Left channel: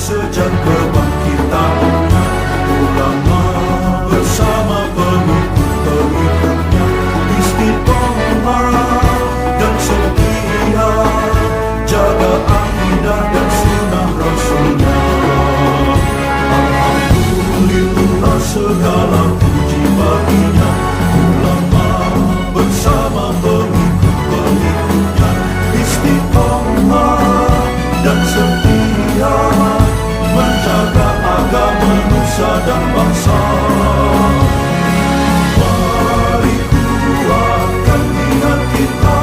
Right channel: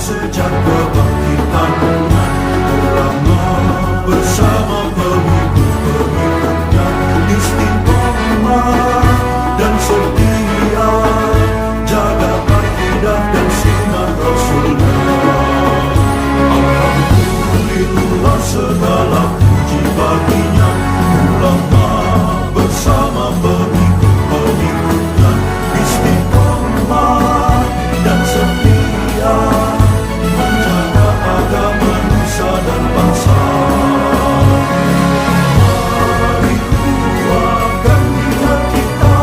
sejak kebangkitan ulama bersama pengikut-pengikutnya istiqomah dan setia jaga akidah dan sunnah Rasulullah. Alhamdulillah segala puji baginya ulama bersama pengikut-pengikutnya istiqomah dan setia menjaga agama nusa dan bangsa. Mari kuatkan niat kita,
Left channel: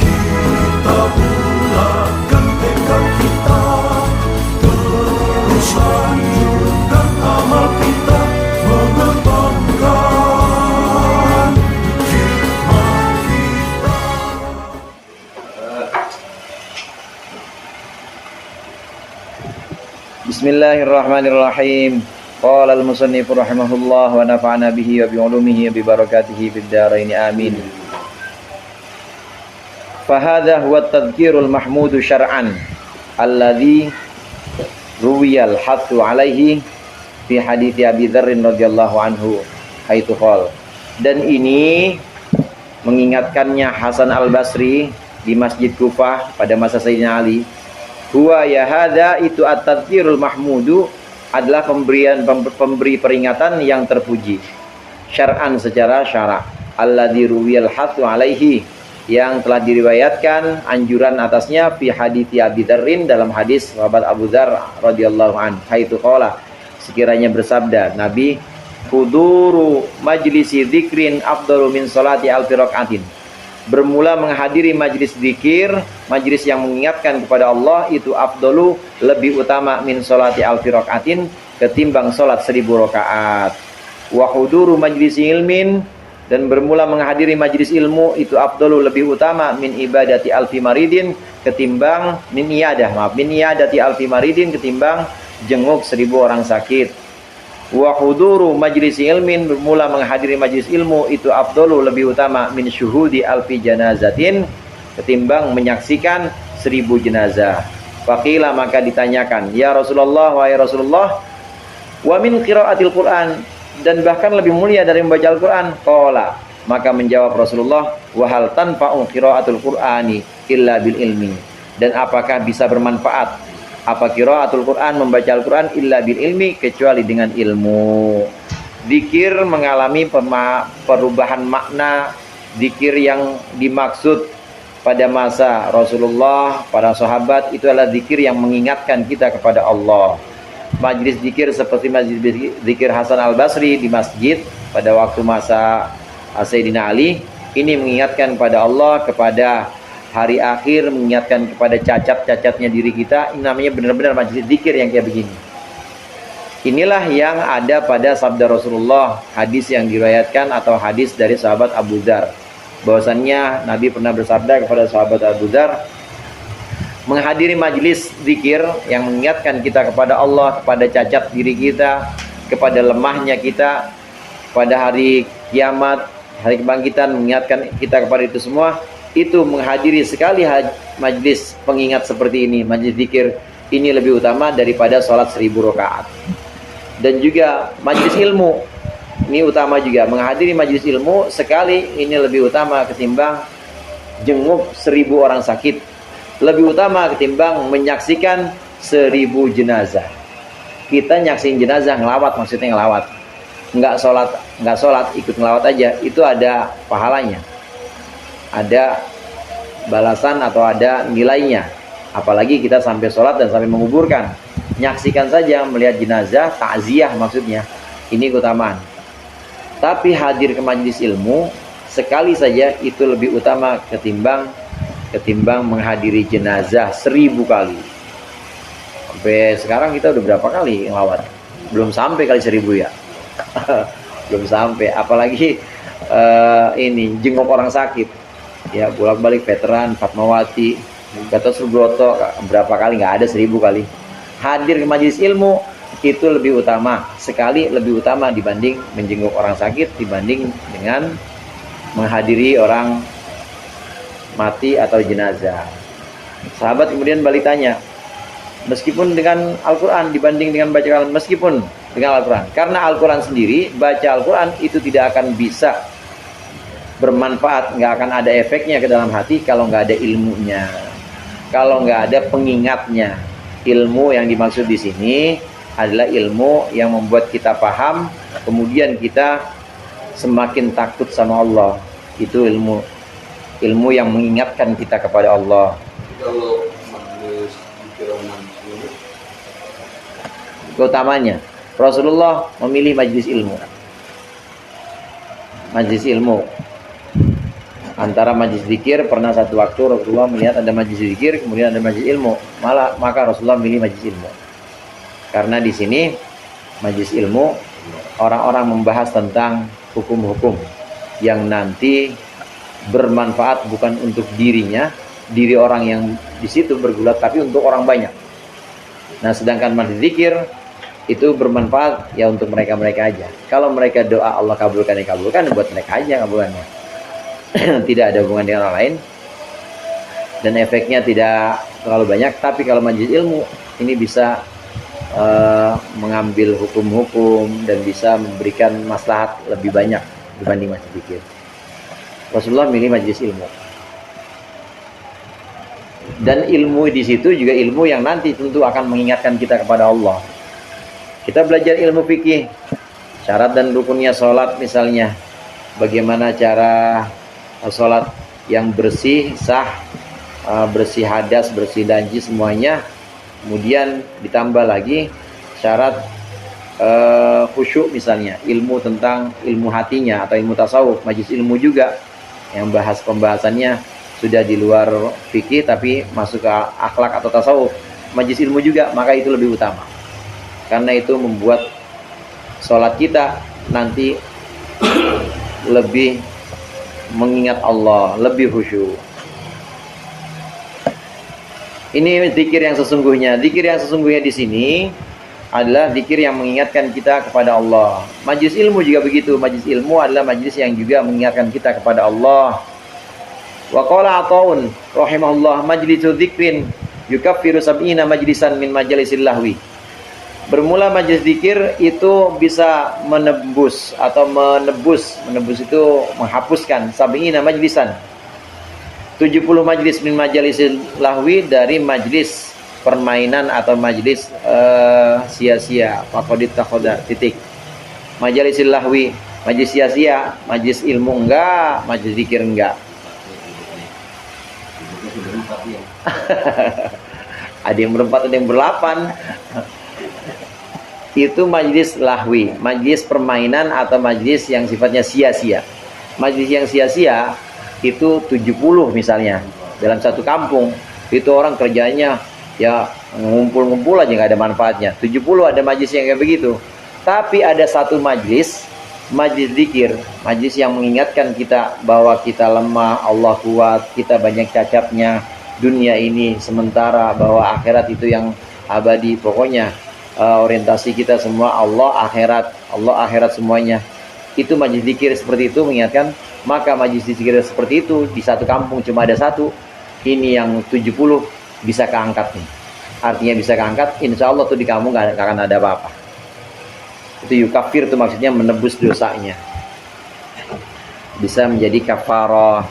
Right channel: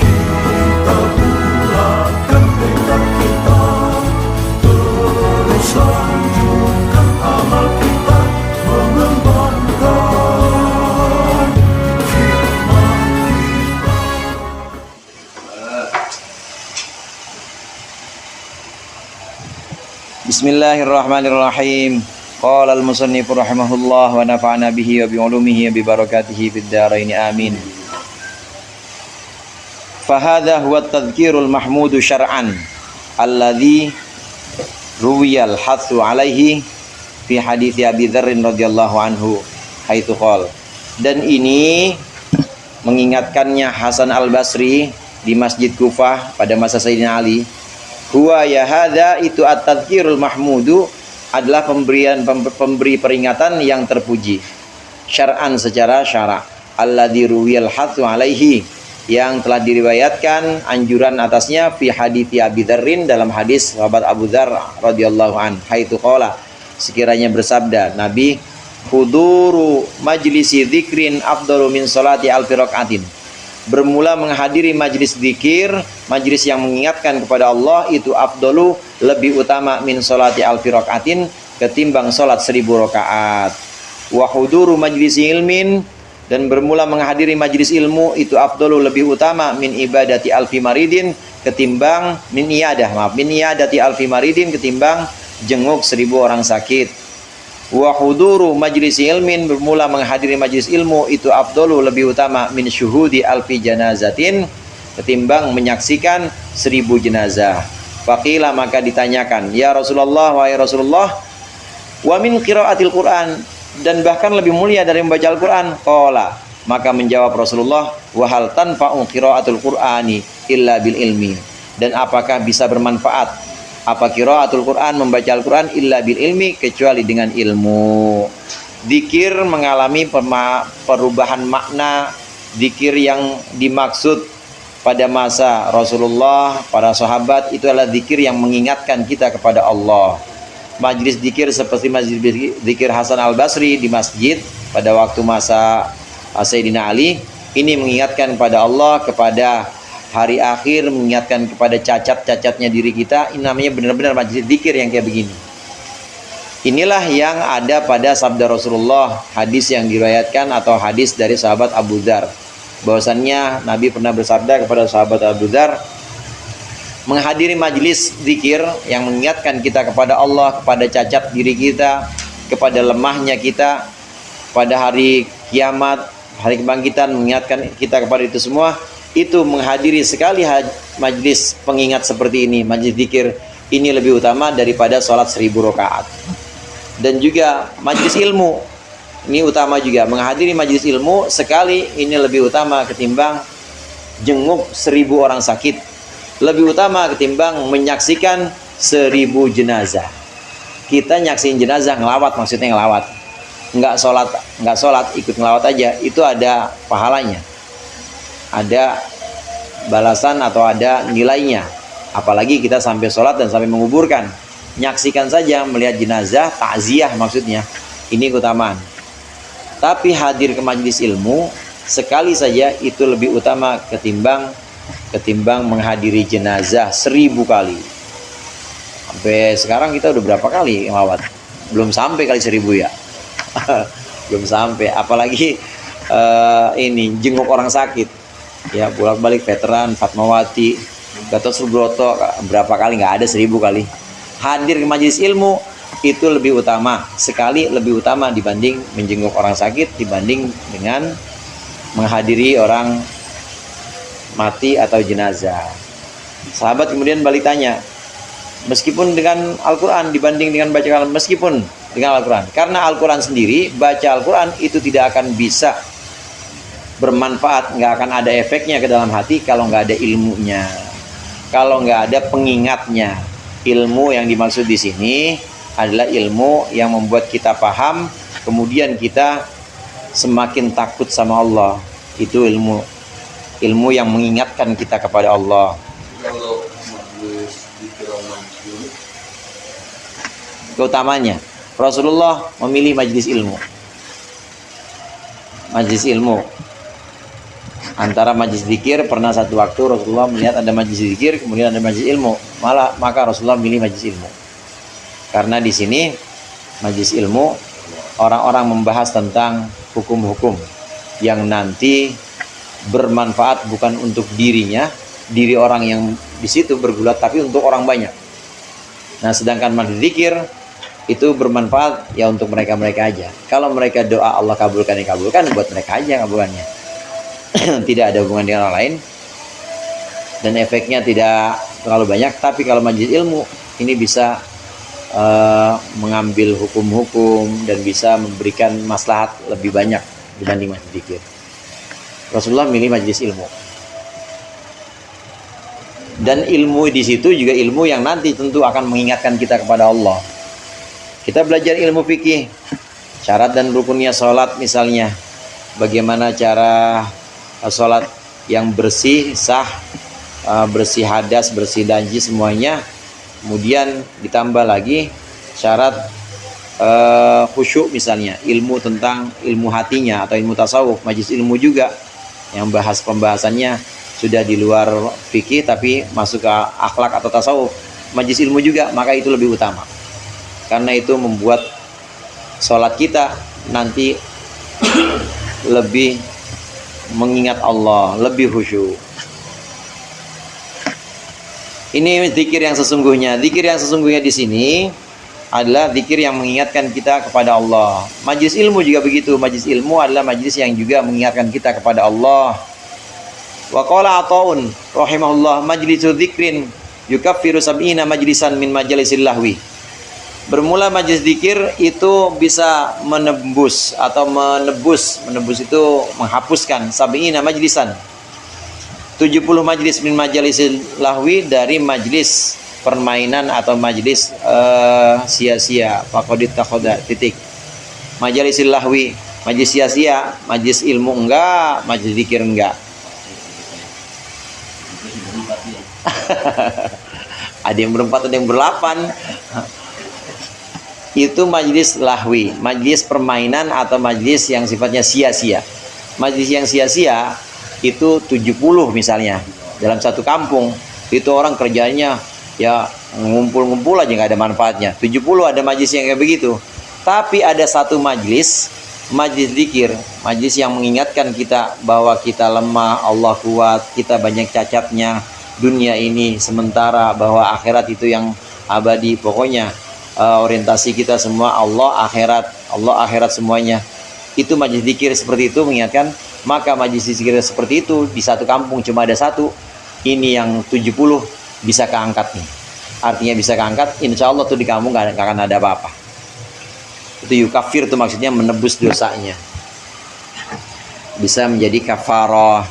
kita bulatkan tekad kita, terus lanjutkan amal kita, mengembangkan hikmah kita. Bismillahirrahmanirrahim. Qala al-musannif rahimahullah wa nafa'ana bihi wa bi ulumihi wa bi barakatihi fid dharain amin. Fa hadha huwa at-tadhkirul mahmudu syar'an alladhi ruwiyal hathu alaihi fi hadits Abi Dzar radhiyallahu anhu haitsu qala. Dan ini mengingatkannya Hasan Al-Basri di Masjid Kufah pada masa Sayyidina Ali. Huwa ya hadza itu at-tadhkirul mahmudu adalah pemberi peringatan yang terpuji syar'an secara syara' alladzi ruwiyal hathu alaihi yang telah diriwayatkan anjuran atasnya fi hadithi Abi Dzarrin dalam hadis sahabat Abu Dzar radhiyallahu an haitsu qala sekiranya bersabda Nabi huduru majlisi dzikrin afdalu min salati alfi rakaatin. Bermula menghadiri majlis zikir, majlis yang mengingatkan kepada Allah itu afdalu lebih utama min sholati alfi rakaatin ketimbang sholat 1000 rakaat. Wa huduru majlis ilmin dan bermula menghadiri majlis ilmu itu afdalu lebih utama min ibadati alfi maridin ketimbang min iyadati alfi maridin ketimbang jenguk 1000 orang sakit. Wa huduru majlis ilmin bermula menghadiri majlis ilmu itu afdalu lebih utama min syuhudi alfi janazatin ketimbang menyaksikan 1000 jenazah. Faqila maka ditanyakan, ya Rasulullah wahai Rasulullah, wa min qiraatil Quran dan bahkan lebih mulia dari membaca Al-Quran. Qala maka menjawab Rasulullah, wa hal tanfa'u qiraatul Qur'ani illa bil ilmi. Dan apakah bisa bermanfaat apa qiraatul Quran membaca Al-Quran illa bil ilmi kecuali dengan ilmu. Zikir mengalami perubahan makna. Zikir yang dimaksud pada masa Rasulullah, para sahabat itu adalah zikir yang mengingatkan kita kepada Allah. Majlis zikir seperti majlis zikir Hasan Al-Basri di masjid pada waktu masa Sayyidina Ali ini mengingatkan kepada Allah, kepada hari akhir, mengingatkan kepada cacat-cacatnya diri kita. Ini namanya benar-benar majlis zikir yang kayak begini. Inilah yang ada pada sabda Rasulullah, hadis yang diriwayatkan atau hadis dari sahabat Abu Dzar. Bahwasannya Nabi pernah bersabda kepada sahabat Abu Dzar, menghadiri majlis zikir yang mengingatkan kita kepada Allah, kepada cacat diri kita, kepada lemahnya kita, pada hari kiamat, hari kebangkitan, mengingatkan kita kepada itu semua. Itu menghadiri sekali majlis pengingat seperti ini, majlis zikir ini lebih utama daripada sholat 1000 rakaat. Dan juga majlis ilmu ini utama juga, menghadiri majlis ilmu sekali ini lebih utama ketimbang jenguk 1000 orang sakit, lebih utama ketimbang menyaksikan 1000 jenazah. Kita nyaksin jenazah, ngelawat, maksudnya ngelawat, nggak sholat ikut ngelawat aja, itu ada pahalanya, ada balasan atau ada nilainya. Apalagi kita sampai sholat dan sampai menguburkan, nyaksikan saja, melihat jenazah, takziah maksudnya, ini keutamaan. Tapi hadir ke majlis ilmu sekali saja itu lebih utama ketimbang menghadiri jenazah 1000 kali. Sampai sekarang kita udah berapa kali ngelawat? Belum sampai kali 1000 ya. Belum sampai, apalagi ini jenguk orang sakit ya, bolak-balik veteran, Fatmawati, Gatot Subroto, berapa kali, nggak ada 1000 kali. Hadir ke majelis ilmu itu lebih utama, sekali lebih utama dibanding menjenguk orang sakit, dibanding dengan menghadiri orang mati atau jenazah. Sahabat kemudian balik tanya, meskipun dengan Al-Quran dibanding dengan baca Al-Quran, meskipun dengan Al-Quran, karena Al-Quran sendiri, baca Al-Quran itu tidak akan bisa bermanfaat, nggak akan ada efeknya ke dalam hati kalau nggak ada ilmunya, kalau nggak ada pengingatnya. Ilmu yang dimaksud di sini adalah ilmu yang membuat kita paham, kemudian kita semakin takut sama Allah. Itu ilmu yang mengingatkan kita kepada Allah. Kalau majelis dikira majelis Keutamanya, Rasulullah memilih majelis ilmu. Majelis ilmu. Antara majelis zikir, pernah satu waktu Rasulullah melihat ada majelis zikir, kemudian ada majelis ilmu. Maka Rasulullah memilih majelis ilmu. Karena di sini majelis ilmu orang-orang membahas tentang hukum-hukum yang nanti bermanfaat bukan untuk dirinya, diri orang yang di situ bergulat, tapi untuk orang banyak. Nah, sedangkan majelis zikir itu bermanfaat ya untuk mereka-mereka aja. Kalau mereka doa Allah kabulkan, dikabulkan, buat mereka aja kabulkannya. Tidak ada hubungan dengan orang lain dan efeknya tidak terlalu banyak. Tapi kalau majelis ilmu ini bisa mengambil hukum-hukum dan bisa memberikan maslahat lebih banyak dibanding majelis zikir. Rasulullah milih majelis ilmu. Dan ilmu di situ juga ilmu yang nanti tentu akan mengingatkan kita kepada Allah. Kita belajar ilmu fikih, syarat dan rukunnya sholat misalnya, bagaimana cara sholat yang bersih, sah, bersih hadas, bersih najis semuanya. Kemudian ditambah lagi syarat khusyuk misalnya, ilmu tentang ilmu hatinya atau ilmu tasawuf, majelis ilmu juga yang bahas pembahasannya sudah di luar fikih tapi masuk ke akhlak atau tasawuf, majelis ilmu juga, maka itu lebih utama. Karena itu membuat sholat kita nanti lebih mengingat Allah, lebih khusyuk. Ini zikir yang sesungguhnya. Zikir yang sesungguhnya di sini adalah zikir yang mengingatkan kita kepada Allah. Majelis ilmu juga begitu. Majelis ilmu adalah majelis yang juga mengingatkan kita kepada Allah. Wa qala Athaun rahimahullah, majlisu dzikrin yukaffiru sab'ina majlisan min majalisil lahwi. Bermula majelis zikir itu bisa menebus atau menebus itu menghapuskan sab'ina majlisan, 70 majlis min majalisil lahwi, dari majlis permainan atau majlis sia-sia. Faqadit takhoda titik. Majalisil lahwi, majlis sia-sia, majlis ilmu enggak, majlis zikir enggak. Ada yang berempat, ada yang berlapan. Itu majlis lahwi, majlis permainan atau majlis yang sifatnya sia-sia. Majlis yang sia-sia itu 70 misalnya dalam satu kampung, itu orang kerjanya ya ngumpul-ngumpul aja, nggak ada manfaatnya. 70 ada majlis yang kayak begitu. Tapi ada satu majlis, majlis zikir, majlis yang mengingatkan kita bahwa kita lemah, Allah kuat, kita banyak cacatnya, dunia ini sementara, bahwa akhirat itu yang abadi. Pokoknya orientasi kita semua Allah akhirat semuanya. Itu majlis zikir seperti itu mengingatkan. Maka majlis zikir seperti itu di satu kampung cuma ada satu, ini yang 70 bisa keangkat nih. Artinya bisa keangkat, insya Allah tuh di kampung gak akan ada apa-apa. Itu yukafir tuh maksudnya menebus dosanya, bisa menjadi kafarah.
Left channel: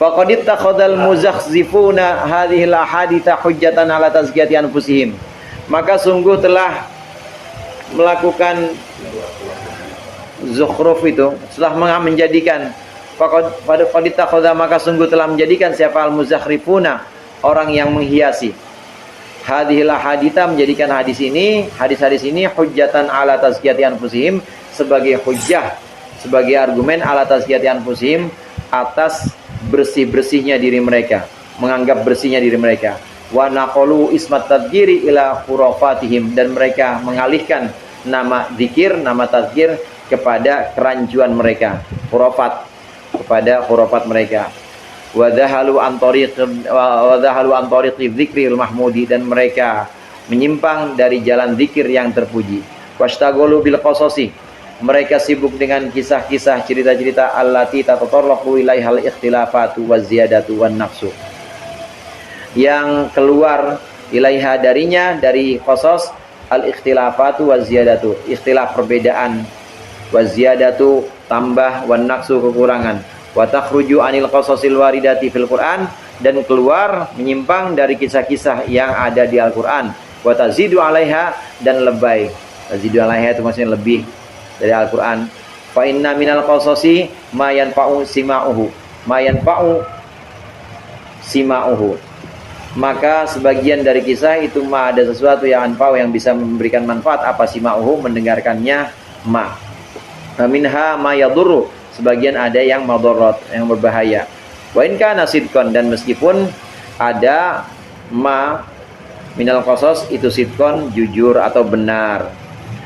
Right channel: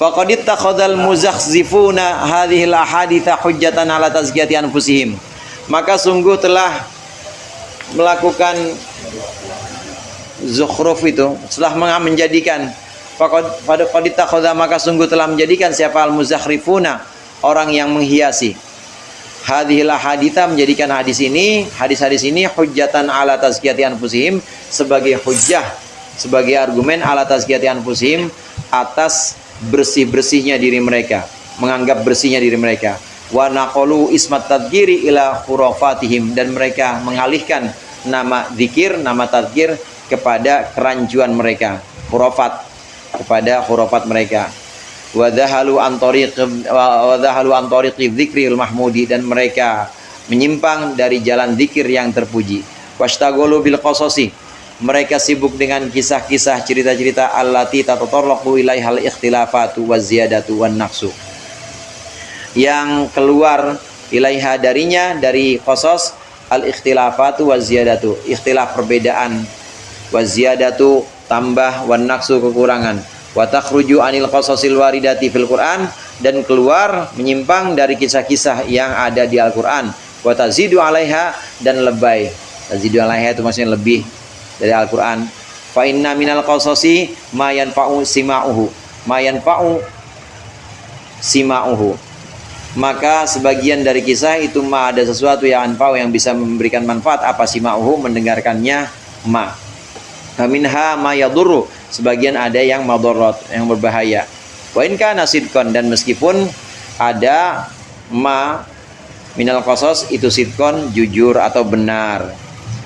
Faqad ittakhadhal muzakhzifuna hadhil ahaditha hujjatan ala tazkiyati anfusihim. Maka sungguh telah melakukan zukhruf itu, setelah menjadikan faqad ittakhadha, maka sungguh telah menjadikan siapa al-muzakhrifuna, orang yang menghiasi, hadhil ahaditha, menjadikan hadis-hadis ini hujjatan ala tazkiyati anfusihim, sebagai hujjah, sebagai argumen ala tazkiyati anfusihim, atas bersih-bersihnya diri mereka, menganggap bersihnya diri mereka. Wa naqalu ismat tadhkiri ila khurafatihim, dan mereka mengalihkan nama zikir, nama tadhkir kepada kerancuan mereka, khurafat, kepada khurafat mereka. Wa dhahalu an tariqi dzikril mahmudi, dan mereka menyimpang dari jalan zikir yang terpuji. Washtaghalu bil qasasi, Mereka sibuk dengan kisah-kisah, cerita-cerita allati tatatarraqu ilaihal ikhtilafatu waziyadatu wan naqsu. Yang keluar ilaiha darinya, dari qasas, al-ikhtilafatu waziyadatu, ikhtilaf perbedaan, waziyadatu tambah, wan naqsu kekurangan, wa takhruju anil qasasil waridati fil Qur'an, dan keluar menyimpang dari kisah-kisah yang ada di Al-Qur'an, wa tazidu 'alaiha, dan lebay. Tazidu 'alaiha itu maksudnya lebih dari Al-Qur'an. Fa inna minal qasasi ma yanfa'u sima'uhu. Maka sebagian dari kisah itu ada sesuatu yang anfa'u, yang bisa memberikan manfaat. Apa sima'uhu? Mendengarkannya ma. Faminha ma yadurru, sebagian ada yang madharat, yang berbahaya. Wa in kana sidqan, dan meskipun ada ma minal qasas itu sidqan, jujur atau benar.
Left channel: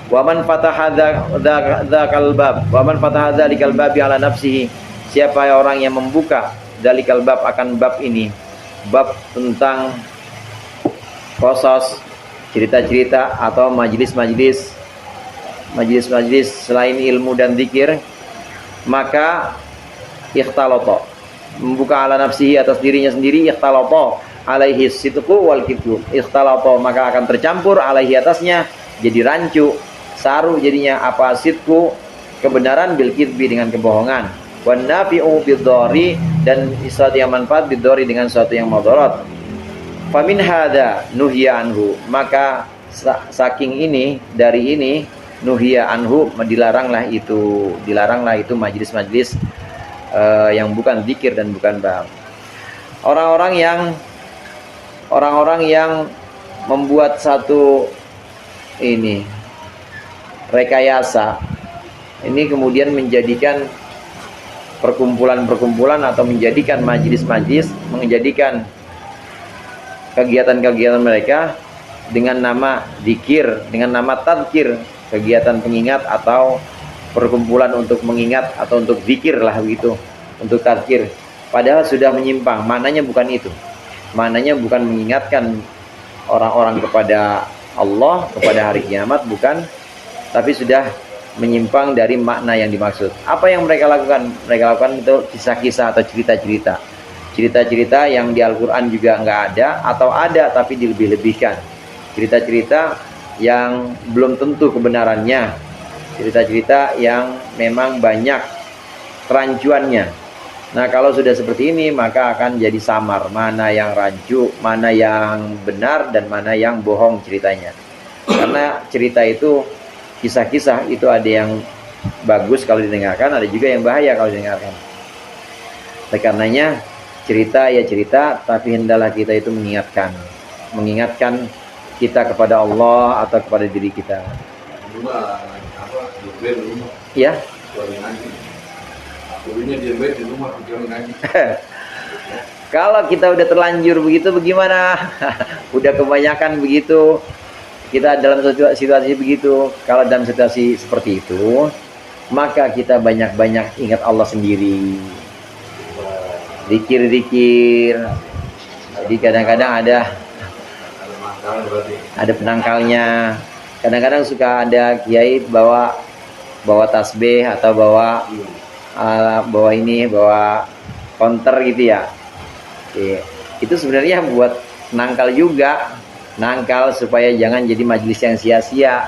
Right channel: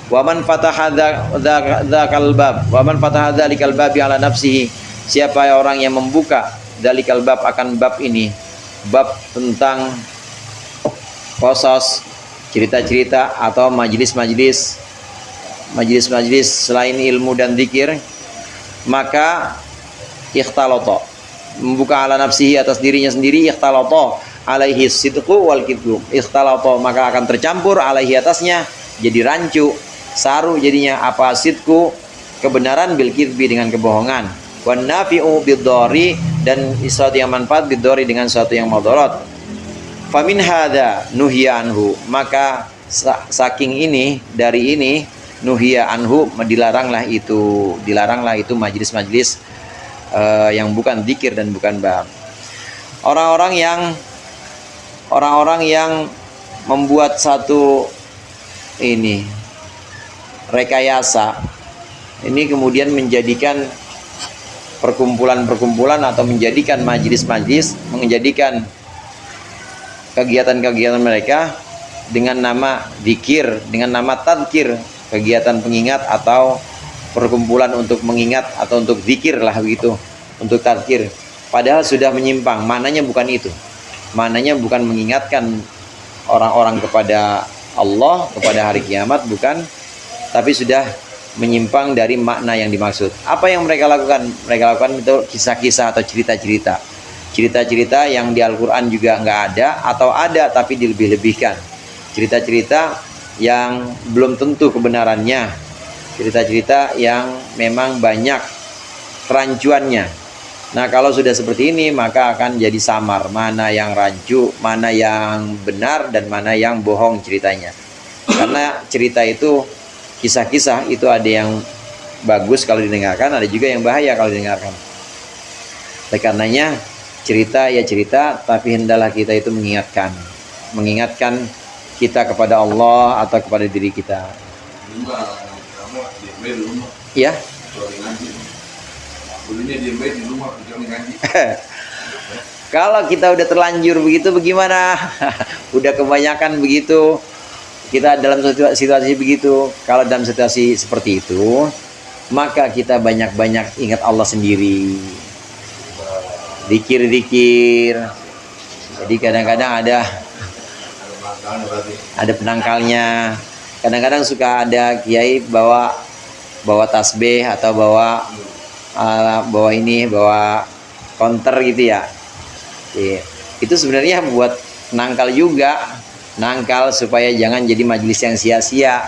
Wa man fataha dzakal bab, wa man fataha dzalikal babi ala nafsihi, siapa orang yang membuka dzalikal bab, akan bab ini, bab tentang qasas, cerita-cerita atau majlis-majlis selain ilmu dan zikir, maka ikhtalata, membuka ala nafsihi, atas dirinya sendiri, ikhtalata alaihi sidqu wal kidbu, ikhtalata maka akan tercampur, alaihi atasnya, jadi rancu, saru jadinya, apa, sidqu kebenaran, bil kidbi dengan kebohongan, wan nafi'u bid-dhari, dan sesuatu yang manfaat, bid-dhari dengan sesuatu yang madarat. Famin hadza nuhiya anhu, maka saking ini, dari ini, nuhiya anhu, dilaranglah itu majlis-majlis yang bukan zikir dan bukan bab. Orang-orang yang membuat satu ini rekayasa ini, kemudian menjadikan perkumpulan-perkumpulan atau menjadikan majlis-majlis, menjadikan kegiatan-kegiatan mereka dengan nama zikir, dengan nama tadzkir, kegiatan pengingat atau perkumpulan untuk mengingat atau untuk zikir lah begitu, untuk tadzkir. Padahal sudah menyimpang, maknanya bukan itu. Maknanya bukan mengingatkan orang-orang kepada Allah, kepada hari kiamat, bukan, tapi sudah menyimpang dari makna yang dimaksud. Apa yang mereka lakukan? Mereka lakukan itu kisah-kisah atau cerita-cerita. Cerita-cerita yang di Al-Quran juga nggak ada, atau ada tapi dilebih-lebihkan. Cerita-cerita yang belum tentu kebenarannya. Cerita-cerita yang memang banyak kerancuannya. Nah, kalau sudah seperti ini, maka akan jadi samar. Mana yang rancu, mana yang benar, dan mana yang bohong ceritanya. Karena cerita itu, kisah-kisah itu ada yang bagus kalau didengarkan, ada juga yang bahaya kalau didengarkan. Oleh karenanya, cerita ya cerita, tapi hendaklah kita itu mengingatkan kita kepada Allah atau kepada diri kita. Ya. Kalau kita udah terlanjur begitu, bagaimana? Udah kebanyakan begitu, kita dalam situasi begitu. Kalau dalam situasi seperti itu, maka kita banyak-banyak ingat Allah sendiri, zikir-zikir. Jadi kadang-kadang ada penangkalnya. Kadang-kadang suka ada kiai bawa tasbih atau bawa konter gitu ya. Itu sebenarnya buat nangkal juga, nangkal supaya jangan jadi majelis yang sia-sia.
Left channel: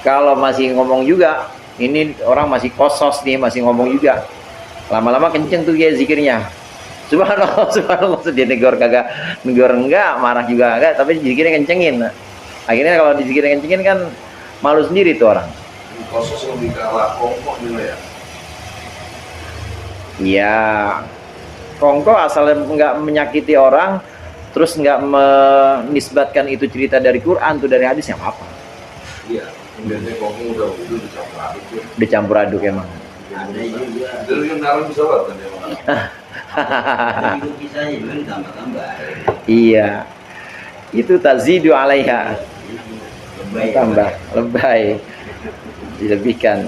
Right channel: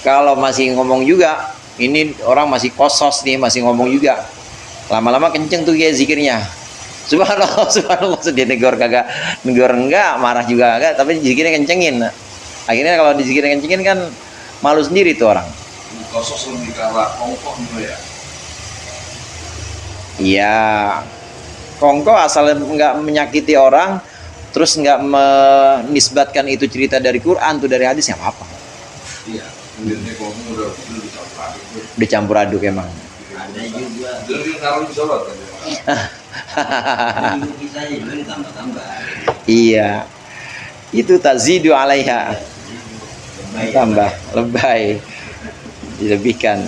Kalau masih ngomong juga, ini orang masih kosos nih, masih ngomong juga, lama-lama kenceng tuh ya zikirnya. Subhanallah, subhanallah, dia negor enggak, marah juga enggak, tapi zikirnya kencengin. Akhirnya kalau dizikirnya kencengin kan malu sendiri tuh orang. Kosos lebih ke arah kongkong gitu ya. Iya, kongko asal nggak menyakiti orang, terus nggak menisbatkan itu cerita dari Quran tuh, dari hadis, ya apa? Iya, kemudiannya kongkong udah dicampur aduk. Dicampur aduk emang. Ada juga. Jadi yang naruh di sholat kan ya. Ada juga kisahnya juga ditambah-tambah. Iya, itu tazidu alaiha, tambah lebay, dilebihkan.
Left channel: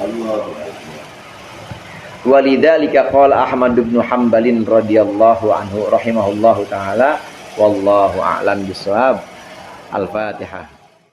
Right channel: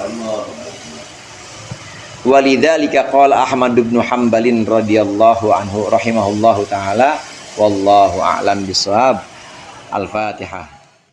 Allah. Walidzalika qala Ahmad bin Hanbalin radhiyallahu anhu rahimahullahu taala, wallahu a'lam bishawab. Al-Fatihah.